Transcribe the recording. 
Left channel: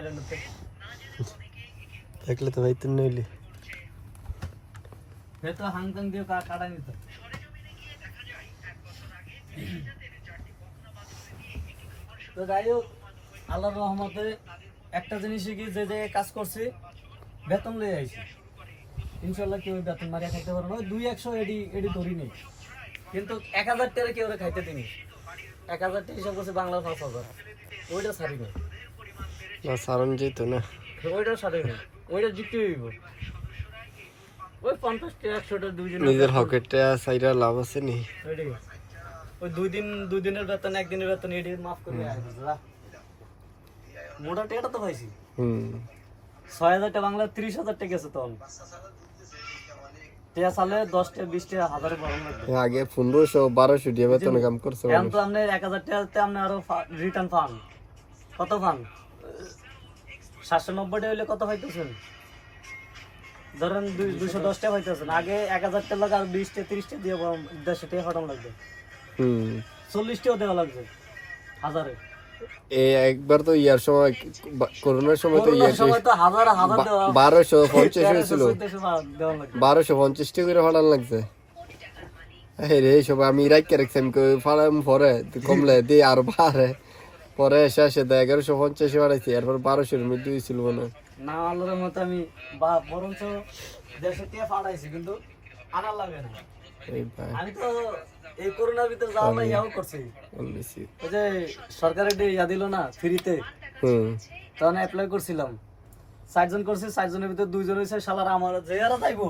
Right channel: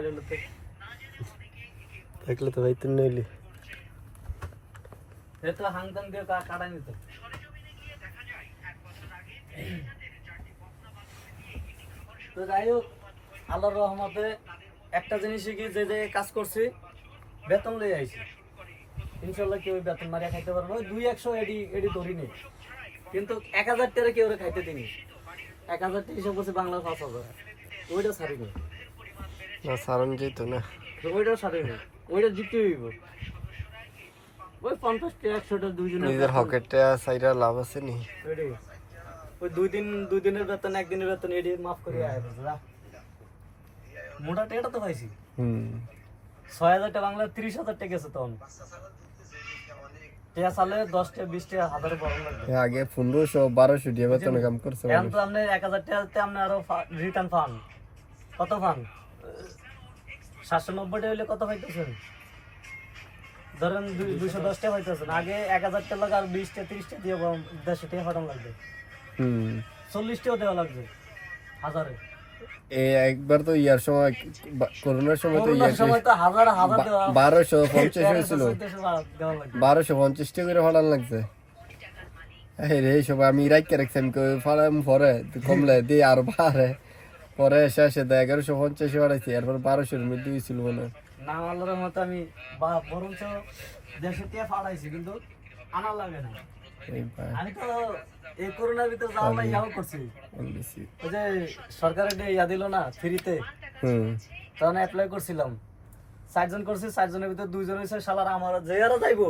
মাইরে লতে দেখলে তো ভাই তুই নইলি এ তো হাংকাং দিয়ে কাটা নিত তো যাই হোক আল্লাহর রহমতে একটা জিনিসই কি যে কাজ করছি বেতন লয়ে আইছি ইনশাআল্লাহ কেউ বেতন মারিয়া খাইতে পারবে না 200 এডি ধরি নি কিন্তু 1000 টাকা কেউ খাইতে দিনি 1000 টাকা হিসাব করছে বাংলা 5000 ওইটা ছাড়ি নি না সারণ যেত না ওইটাও ছাড়ি নি ওইটা জিততে হইব ওই 50 টাকা 100 টাকা দুই দিন নিজের হকেটটা সাইরা লাভ আছে নি ওই দুই দিনের বেতন একদিনের বেতন এডি মাফ করে আয় বুঝলা মোটা টাকাটা তো পাইছি 6000 টাকা বাংলা 30000 টাকা গেছে তখন টিয়া সালে 10 টাকা 20 টাকা হাজারে বড় লাগবে আগে 1500 1200 দিয়ে বেতন কাম করছে এখন তো আপনি 1000 টাকাতে আপনি আরো রিটার্ন পান কত পান 790 টাকা হইলে কত পাইতেছেন ধরেন 210 টাকা পাইতেছেন আগে 1000 টাকা আর 20 টাকা 30 টাকা দিয়ে 150 টাকা ফাটাম লাগবে 40 টাকা দেওয়া লাগবে হাজারে এই একবার তো ইয়ার সময় করোনার সময় তো ইয়া সময় তো হাজার হাজার দেওয়া 1250 হয়েছিল 1250 টাকা করে ফাটান লাগছে রে সব আমি রাইকে রাখছি ফাড়াম পরে কমলে দিয়ে আর বাড়ে পরে শেষে 1150 ফাটাইছি এরপর 1200 মধ্যে হয়েছিল মনে না আল্লাহর মতো আমি বরঞ্চ দেশে কে ফাড়াইছি কিন্তু আনা লাগে না এই ভাই আমি তো এই করোনার ভিতরে যাওয়া ইয়াও করছি ওই যে সরকারি ইয়া দিল না ফ্রিতে তখন অ্যাপ্লাই করছিলাম 4 জন করছি 4 জনের ভিতরে 2 জন হয়েছে শালার আমার যে আরো যাইবো